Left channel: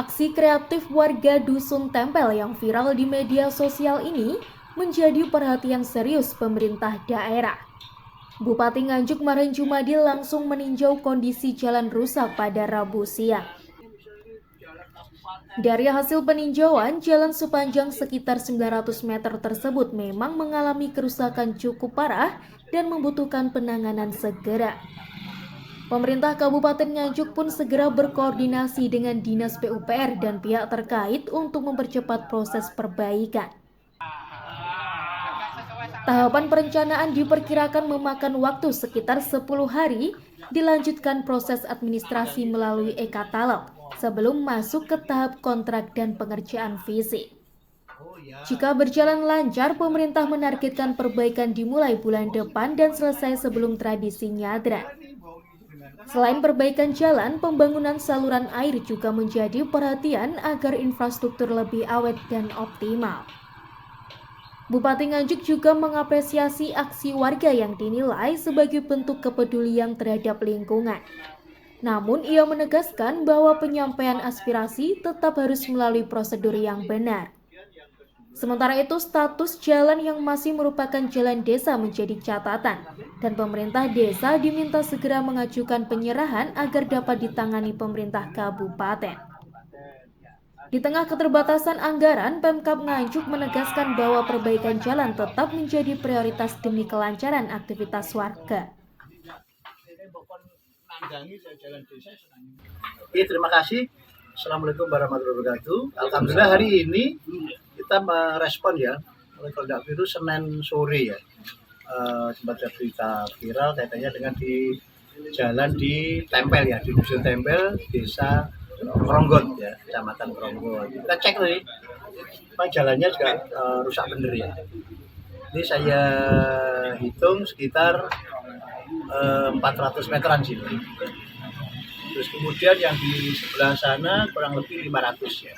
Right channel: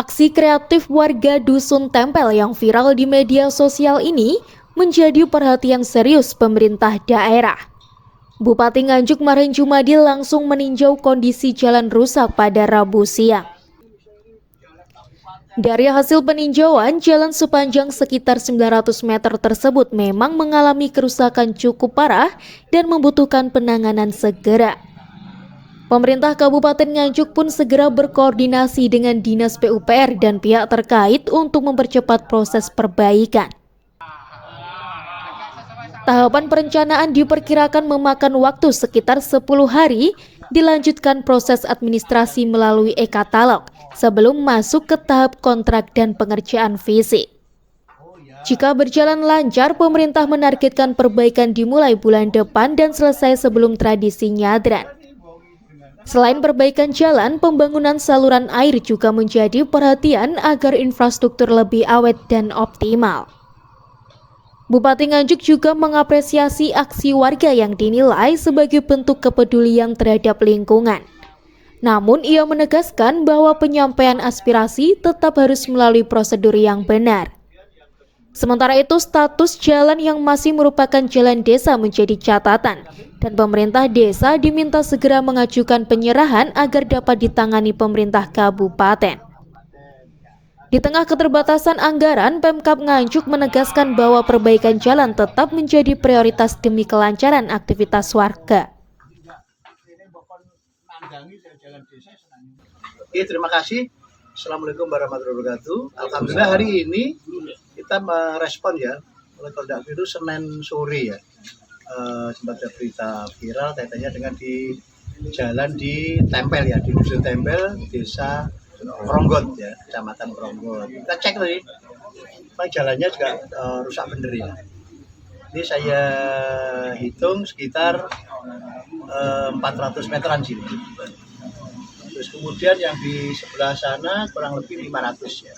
Aksi kreatif warga Dusun Tempel yang viral di media sosial ini menjadi perhatian serius pemerintah daerah. Bupati Nganjuk Marin Jumadi langsung meninjau kondisi jalan rusak pada Rabu siang. Dari hasil peninjauan, jalan sepanjang sekitar 900 meter tersebut memang mengalami kerusakan cukup parah dan membutuhkan penanganan segera. Pemerintah Kabupaten Nganjuk pun segera berkoordinasi dengan Dinas PUPR dan pihak terkait untuk mempercepat proses perbaikan. Tahapan perencanaan diperkirakan memakan waktu sekitar 10 hari, dilanjutkan proses administrasi melalui e-katalog sebelum masuk ke tahap kontrak dan pengerjaan fisik. Jika berjalan lancar, pemerintah menargetkan perbaikan dimulai bulan depan dan selesai sebelum tradisi Nyadran. Selain perbaikan jalan, pembangunan saluran air juga menjadi perhatian agar infrastruktur lebih awet dan optimal. Bupati Nganjuk juga mengapresiasi aksi warga yang dinilai sebagai bentuk kepedulian terhadap lingkungan. Namun, ia menegaskan bahwa penyampaian aspirasi tetap harus melalui prosedur yang benar. Sementara itu, status jalan yang masih merupakan jalan desa menjadi catatan, dan pemerintah desa diminta segera mengajukan penyerahan agar dapat ditangani pemerintah kabupaten. Di tengah keterbatasan anggaran, Pemkab Nganjuk menegaskan bahwa perbaikan jalan tetap menjadi prioritas demi kelancaran aktivitas warga. Terima kasih. Assalamualaikum warahmatullahi wabarakatuh. Alhamdulillah hari ini kita merespon ya, oleh Polda Virus Senin sore ya, sempat ada berita viral kaitannya dengan di jalan di Tempel ya, di Dusun Tempel, Desa Kronggot ya, Kecamatan Kronggot. Kita cek tadi, jalannya juga rusak bener ya. Ini saya hitung sekitar 400 meteran sini. Terus kemudian yang di sebelah sana kurang lebih 500 ya.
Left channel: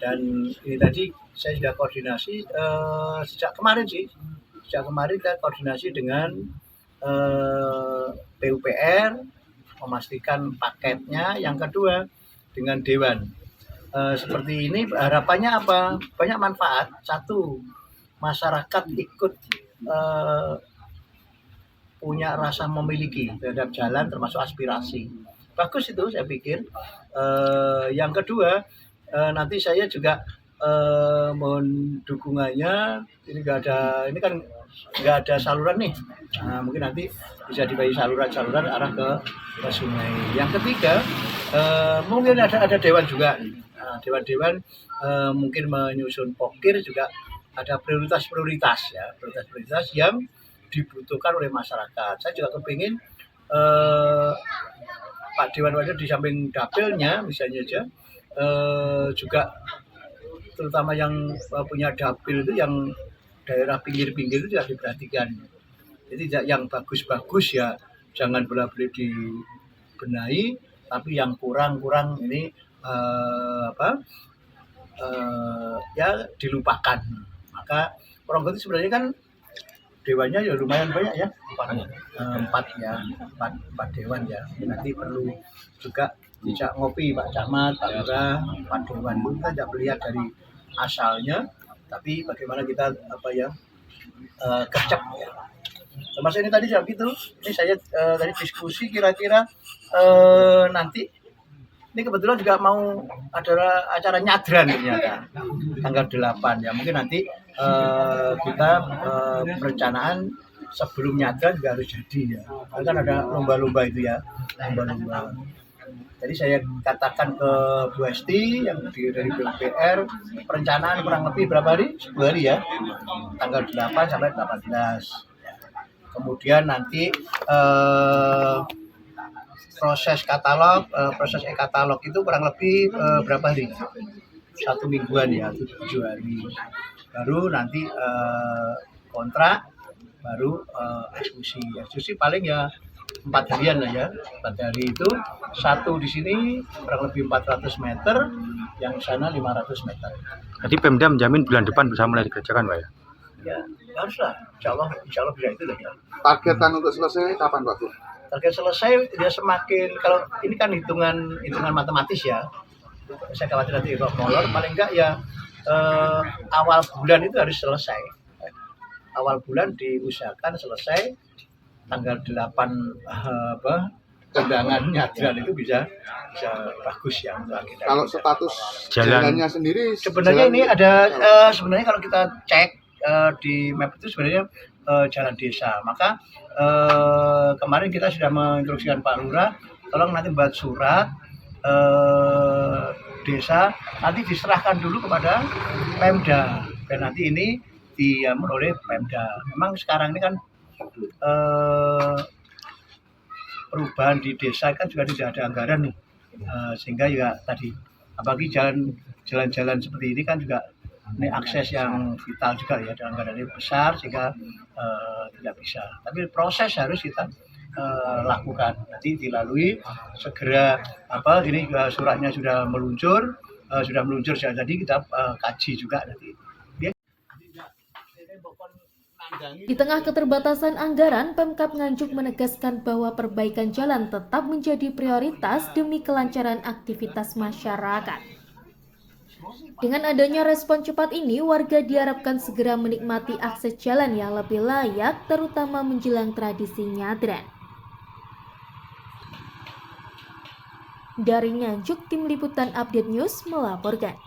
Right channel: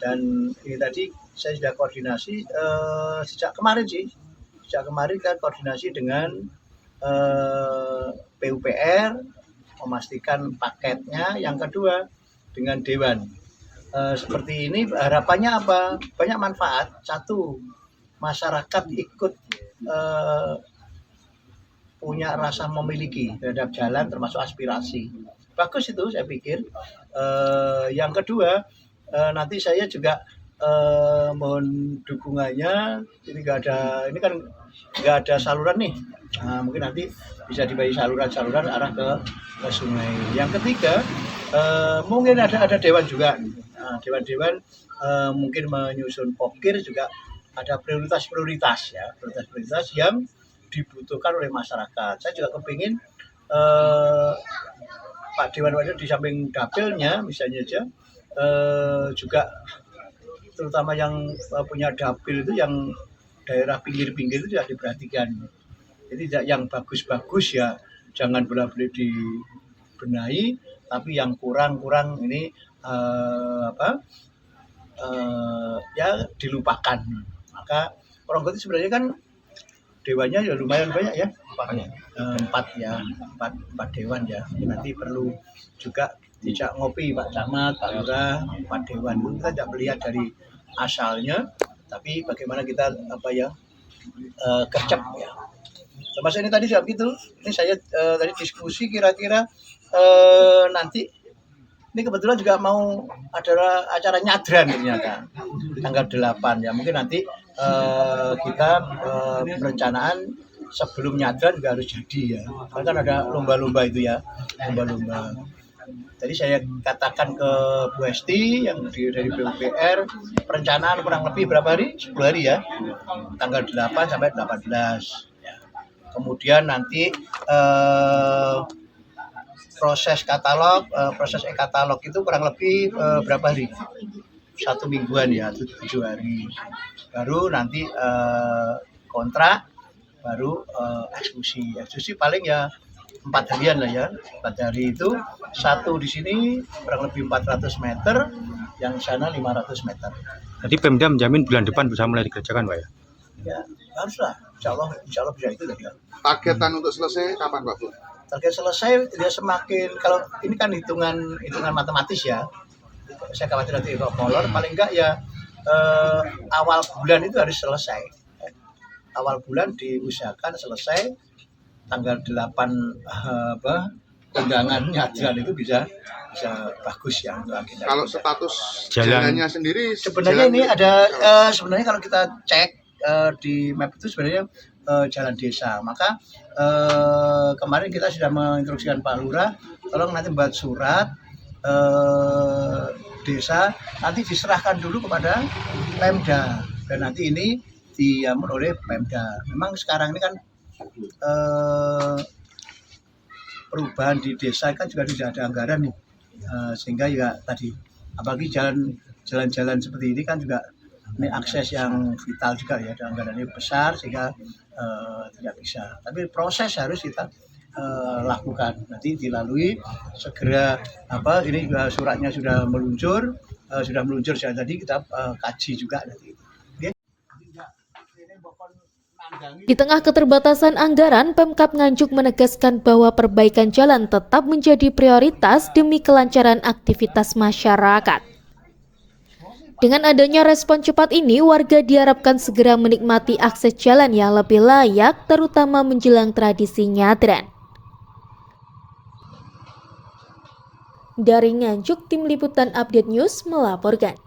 Dan ini tadi saya sudah koordinasi sejak kemarin kita koordinasi dengan PUPR, memastikan paketnya. Yang kedua dengan Dewan. Seperti ini harapannya apa? Banyak manfaat. Satu, masyarakat ikut punya rasa memiliki terhadap jalan termasuk aspirasi. Bagus itu saya pikir. Yang kedua, nanti saya juga mohon dukungannya. Ini kan nggak ada saluran nih. Nah, mungkin nanti bisa dibagi saluran arah ke sungai. Yang ketiga, mungkin ada dewan juga. Nah, dewan mungkin menyusun pokir juga ada prioritas ya, prioritas yang dibutuhkan oleh masyarakat. Saya juga kepingin Pak Dewan Wadir di samping dapilnya misalnya aja juga terutama yang punya dapil itu yang daerah pinggir-pinggir itu juga diperhatikan. Jadi yang bagus-bagus ya jangan bolak-balik dibenahi, tapi yang kurang ini ya dilupakan. Maka Kronggot itu sebenarnya kan dewannya ya lumayan banyak ya, empat dewan ya. Nanti perlu juga dijak ngopi Pak Camat, Pak Lurah, 4 dewan. Kita tidak melihat dari asalnya, tapi bagaimana kita gercep ya. Termasuk ini tadi jam itu, ini saya tadi diskusi kira-kira nanti ini kebetulan juga mau ada acara nyadran ternyata tanggal 8 ya. Mungkin nanti kita perencanaan sebelum nyadran juga harus jadi ya. Kan ada lomba-lomba itu ya, lomba-lomba. Tadi saya katakan ke Bu Esti yang dari PUPR, perencanaan kurang lebih berapa hari? 10 hari ya. Tanggal 8 sampai 18. Kemudian nanti proses e-katalog itu kurang lebih berapa hari? 1 mingguan ya, 7 hari. Baru nanti kontrak, baru eksekusi paling ya 4 harian lah ya. 4 hari itu satu di sini kurang lebih 400 meter, yang sana 500 meter. Jadi Pemda menjamin bulan depan bisa mulai dikerjakan Pak ya? Ya haruslah, insya Allah bisa itu lah ya. Targetan untuk selesai kapan Pak? Target selesai dia semakin, kalau ini kan hitungan matematis ya. saya khawatir nanti rock molor, paling enggak ya awal bulan itu harus selesai. Awal bulan diusahakan selesai, tanggal 8 undangan nyadran itu bisa bagus ya untuk agenda. Kalau status Jalan. jalannya sendiri Sebenarnya jalan ini ada sebenarnya kalau kita cek di map itu sebenarnya jalan desa. Maka kemarin kita sudah menginstruksikan Pak Lurah, tolong nanti buat surat desa, nanti diserahkan dulu kepada Pemda, dan nanti ini diatur oleh Pemda. Memang sekarang ini kan perubahan di desa kan juga tidak ada anggaran nih, sehingga juga tadi apalagi jalan-jalan seperti ini kan juga ini akses yang vital juga ya, dan anggarannya besar sehingga tidak bisa. Tapi proses harus kita lakukan, nanti dilalui segera ini juga suratnya sudah meluncur tadi kita kaji juga nanti. Di tengah keterbatasan anggaran, Pemkab Nganjuk menegaskan bahwa perbaikan jalan tetap menjadi prioritas demi kelancaran aktivitas masyarakat. Dengan adanya respon cepat ini, warga diharapkan segera menikmati akses jalan yang lebih layak, terutama menjelang tradisi nyadran. Dari Nganjuk, Tim Liputan Update News melaporkan.